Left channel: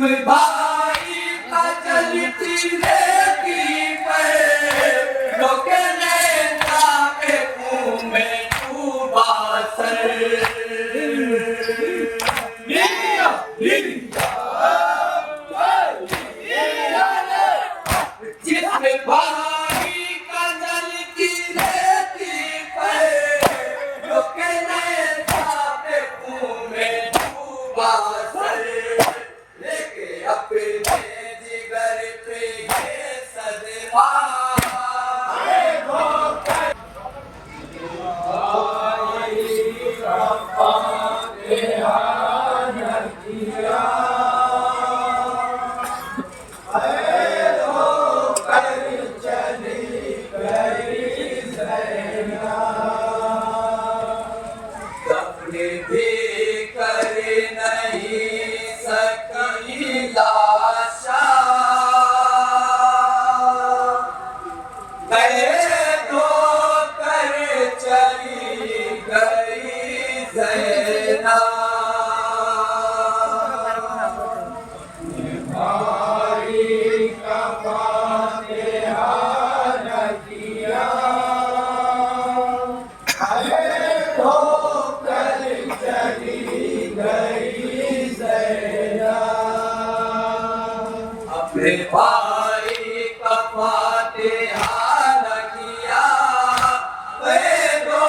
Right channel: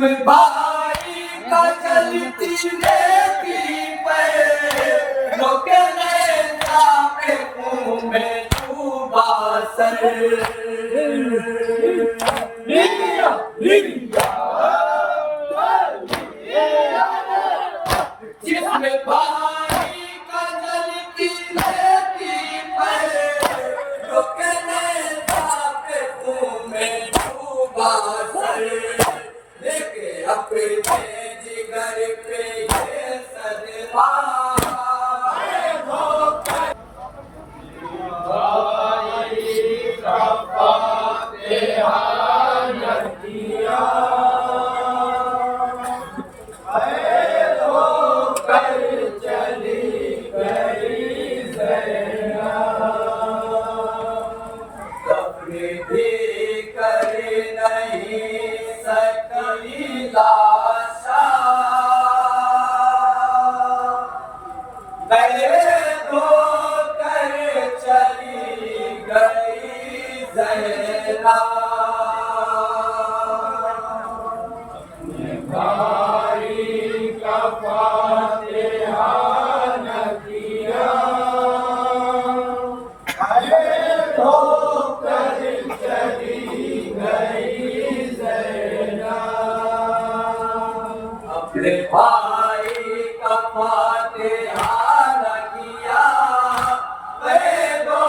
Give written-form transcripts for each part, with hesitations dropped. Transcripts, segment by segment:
जिसमें भाई का चलती रहती पर रोके नेता के मुंह में डूबा सर। जिसमें भाई का चलती रहती पर रोके नेता के मुंह में डूबा सर। लेके अपने जिगर पे ये सदमा भी कर नहीं सकी लाशा गए तो कर चली गई ज़ैना। भाई का फातिहा न किया अपने भाई का फातिहा न किया वे दो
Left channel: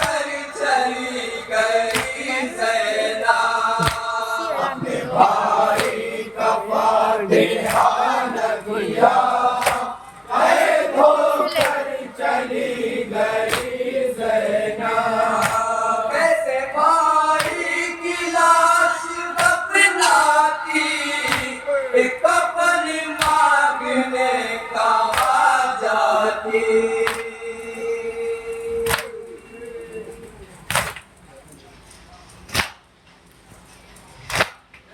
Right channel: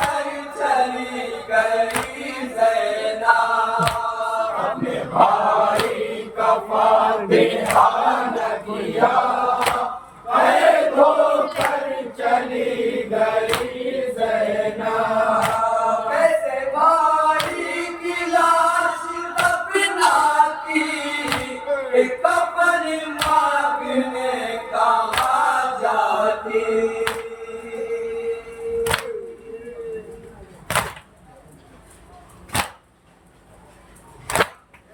कर चली गई ज़ैना। अपने भाई का फातिहा न किया वे दो कर चली गई ज़ैना। कैसे भाई की लाश दफनाती कफन मांगने कहाँ जाती।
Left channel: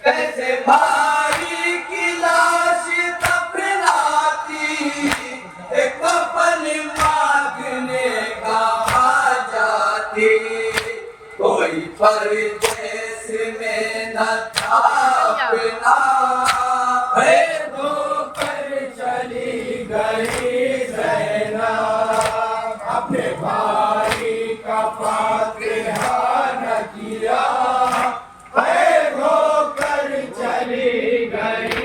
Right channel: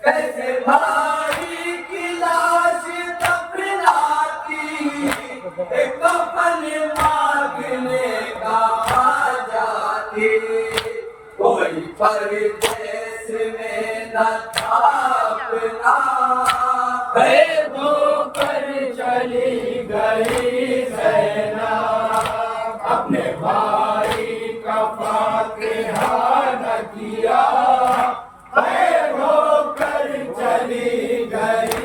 कैसे भाई की लाश दफनाती कफन मांगने कहाँ जाती। कोई परदेश में न था अपना धोकर चली गई ज़ैना। अपने भाई का फातिहा न किया धोकर चली गई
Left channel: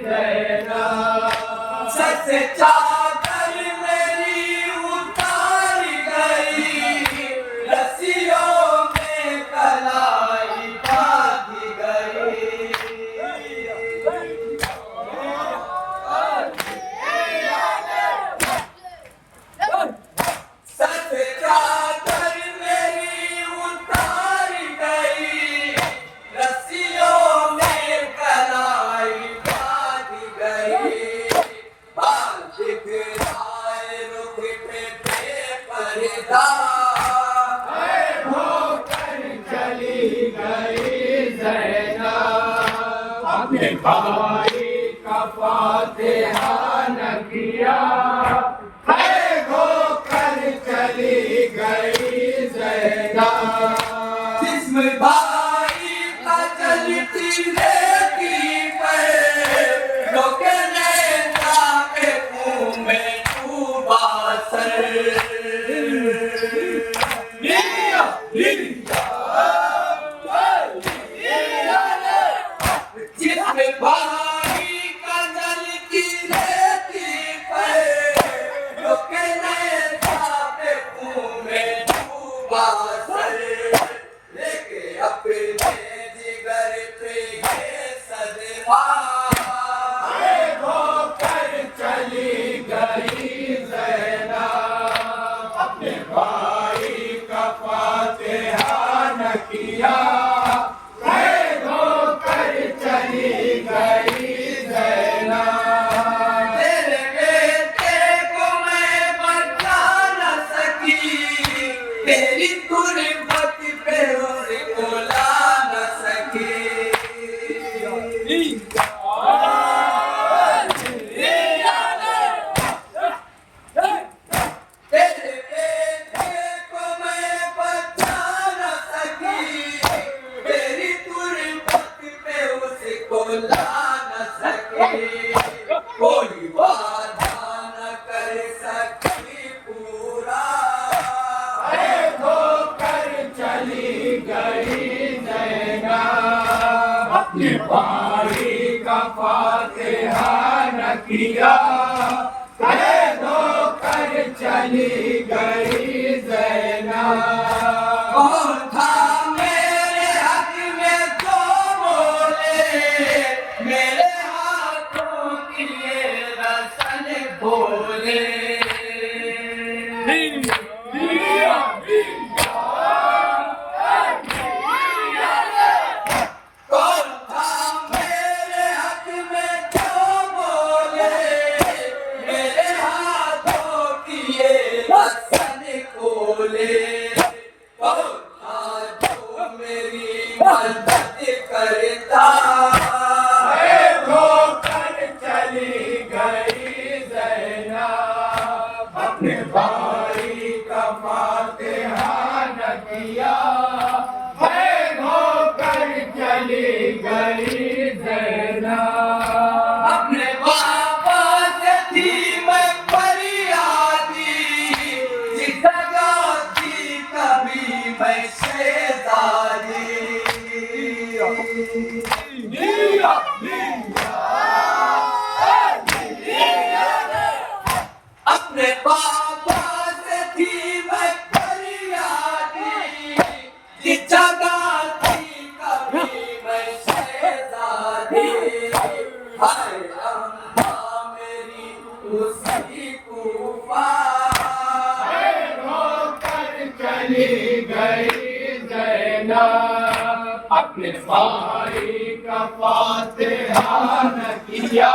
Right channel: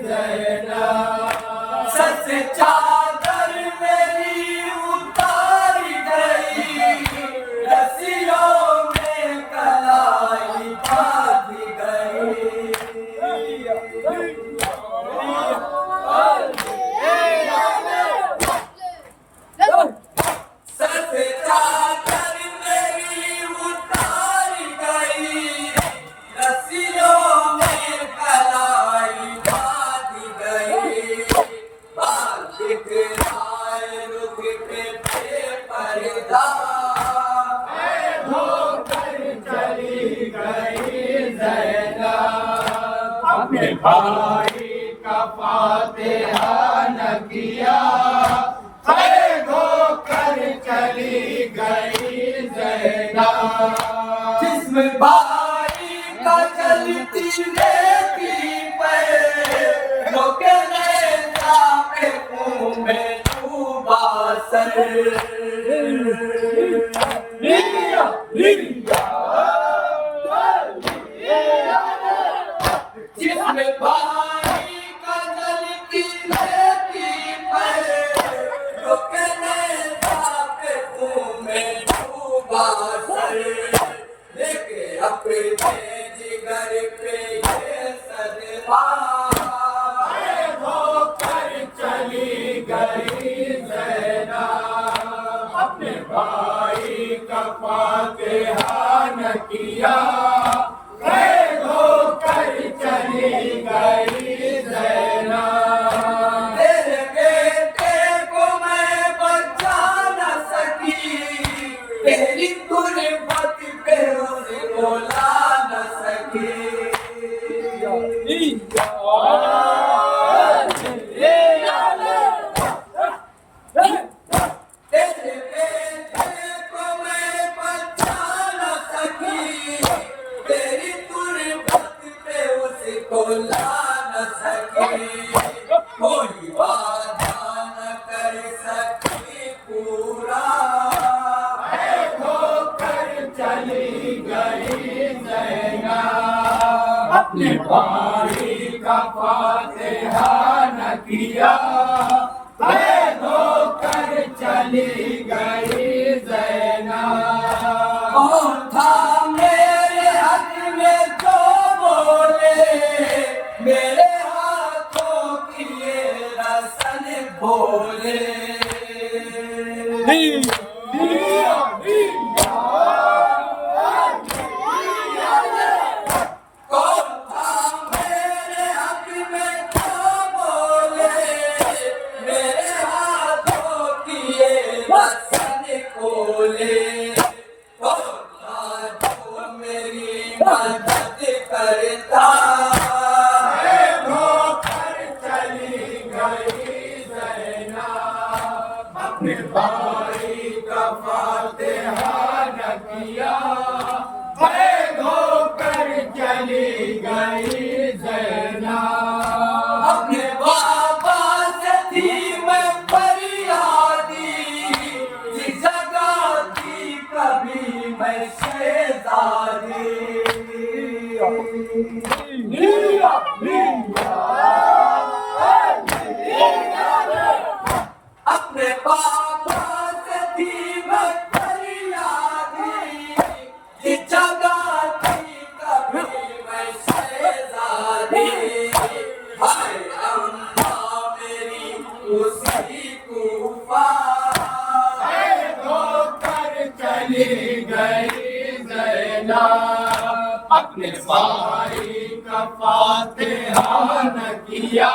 ज़ैना। सच चादर मेरी उतार गई रस्सियों में कलाई बांध गई। अपने भाई का फातिहा न किया धोकर चली गई ज़ैना। जिसमें भाई का चलती रहती पर रोके नेता के मुंह में डूबा सर। जिसमें भाई का जलती रहती पर रोके नेता के मुंह में डूबा सर। लेके अपने जिगर पे ये सदमा धोकर चली गई ज़ैना। अपने भाई का फातिहा न किया चली गई ज़ैना। तेरे बेटे को मैं बचा न सकी तेरी गुर्बत पे उसको ला न सकी। तेरे बेटे को मैं बचा न सकी तेरी गुर्बत पे उसको ला न सके, कोई वादा न कर सके पूरा। होकर चली गई ज़ैनब, अपने भाई का फातिहा न किया। कैद होकर चली गई ज़ैनब। कौन था मेरे हक में तो बोले, मेरे हाथों की ये रस्म बोले। कौन था मेरे हक में तो बोले, मेरे हाथों की ये रस्म खोले। कौन था जो मेरी मदद करता, होकर चली गई ज़ैनब, अपने भाई का फातिहा न किया। कैद होकर चली गई ज़ैनब, अपने बाबा से थी मैं फरियादी, जिस जगह थी कभी मैं शहजादी। अपने बाबा से थी मैं फरियादी, जिस जगह थी कभी मैं शहजादी। हाय अम्मा मेरी उसी कूफा, होकर चली गई ज़ैनब, अपने भाई का फातिहा न किया।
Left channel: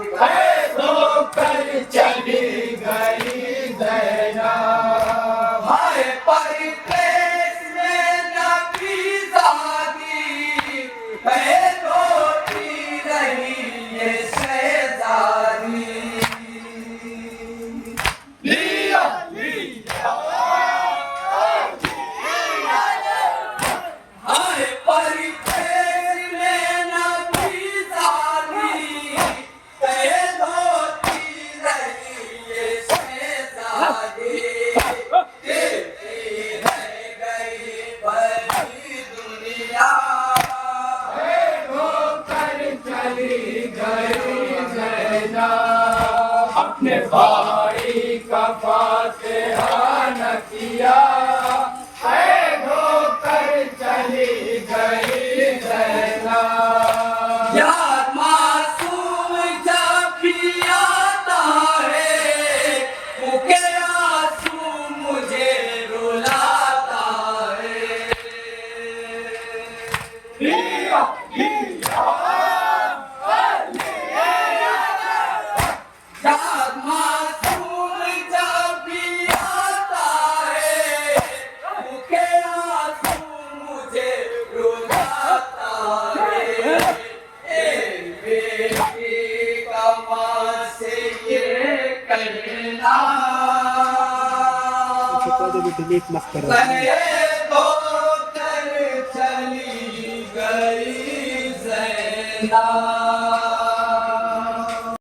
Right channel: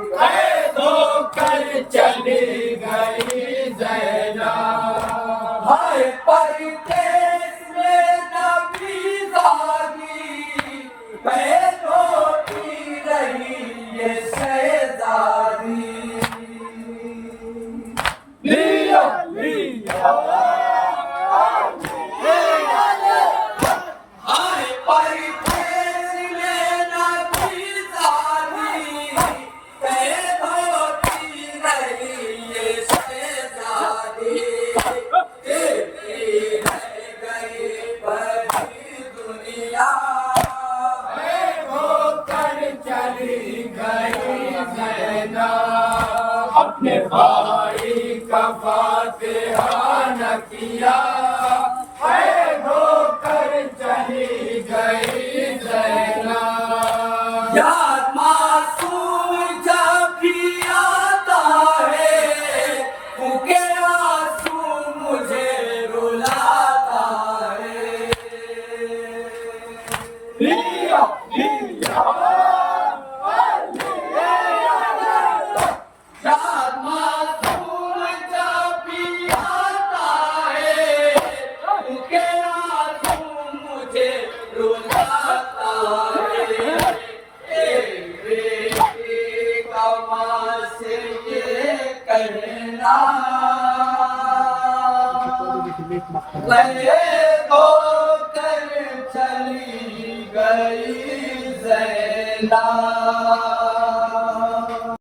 कैद होकर चली गई ज़ैनब, हाय परिदेश में नबी जागी, पैद होती रही ये शहजादी। लिया लिया हाय परिदेश में नबी जागी, पैद होती रही ये शहजादी। देखती रह गई बड़ी दुनिया, होकर चली गई ज़ैनब, अपने भाई का फातिहा न किया। कैद होकर चली गई ज़ैनब, याद मासूम जब भी आता है, फूके आंसू मुझे रुलाता है। लिया लिया याद मासूम जब भी आता है, फूके आंसू मुझे रुलाता है। एक बेटी का माँ से ये कहना, कैद होकर चली गई ज़ैनब।